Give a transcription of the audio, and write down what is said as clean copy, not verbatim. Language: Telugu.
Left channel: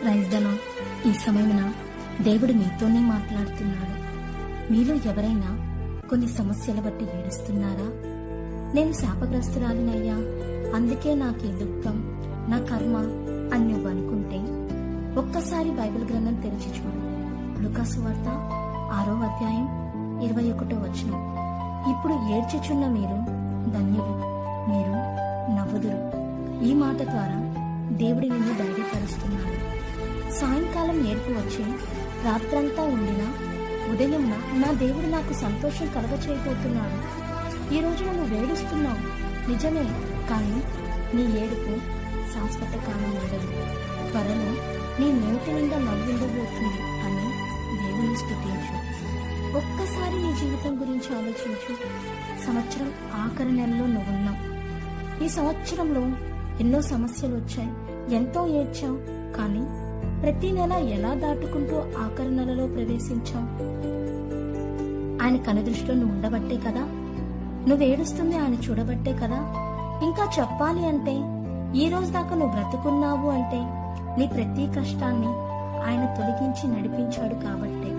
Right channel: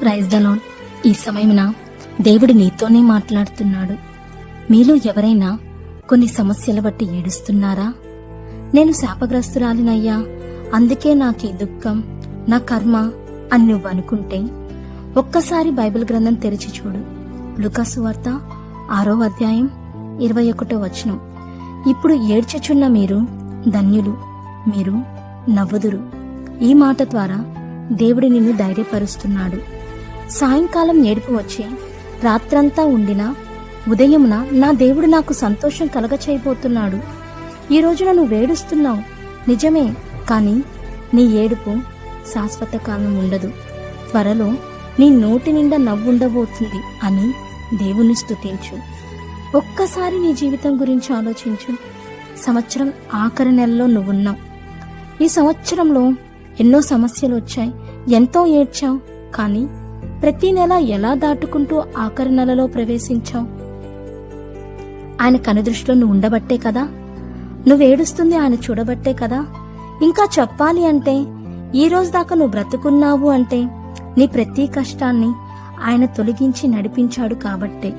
Praise the lord. ఈ సమయమున దేవుడు నీతోనే మాట్లాడుతున్నాడు. మీలో ఎవరైనా కొన్ని సమస్యలు బట్టి ఏడుస్తున్నారా? నేను శాపగ్రస్తురాలినయ్యా, అందుకే నాకీ దుఃఖం, నా కర్మ అని నువ్వు అనుకుంటే ఒక్కసారి బైబిల్ గ్రంథం తెరిచి చూడు. లూకా సువార్త 6వ అధ్యాయం 21వ వచనం. ఇప్పుడు ఏడ్చుచున్న మీరు ధన్యులు, మీరు నవ్వుదురు. ఈ మాట ద్వారా దేవుడు నిన్ను ధైర్యపరుస్తున్నాడు. సాయంకాలం ఏడుపు వచ్చి రాత్రంతా ఉండినా ఉదయమున నా దేవుడు నాకు సంతోషం కలగచేయబోతున్నాడు. ఈ రోజున నువ్వు ఏడుస్తున్నావు నిజమే, కానీ నీ ఏడుపు శాశ్వత కాలం ఉండదు. త్వరలో నీ నోటి నిండా నవ్వుండబోతుంది అని దేవుని స్తుతించు. ఒక్కసారి నీ జీవితం గురించి ఆలోచించు. సంవత్సరం ఆఖరి నెలలో నువ్వున్నావు. ఈ సంవత్సరంలో ఎన్నో సమస్యలు వచ్చాయి, ఎంతో ఏడ్చావు. కానీ ప్రతి నెల ఎలా దాటుకుంటూ ఆఖరి నెలలో ప్రవేశించావు? ఆయన కనుదృష్టిలో నువ్వు ఉండబట్టే కదా. నువ్వు ఏడుస్తుంది ఆయన చూడబట్టే కదా. ఇంకా చెప్పాలి అంటే ఈ రోజు దాకా నువ్వు బ్రతుకున్నావు అంటే నీ ప్రతి కష్టాన్ని ఆయన తొలగించి నడిపించాడు కాబట్టే.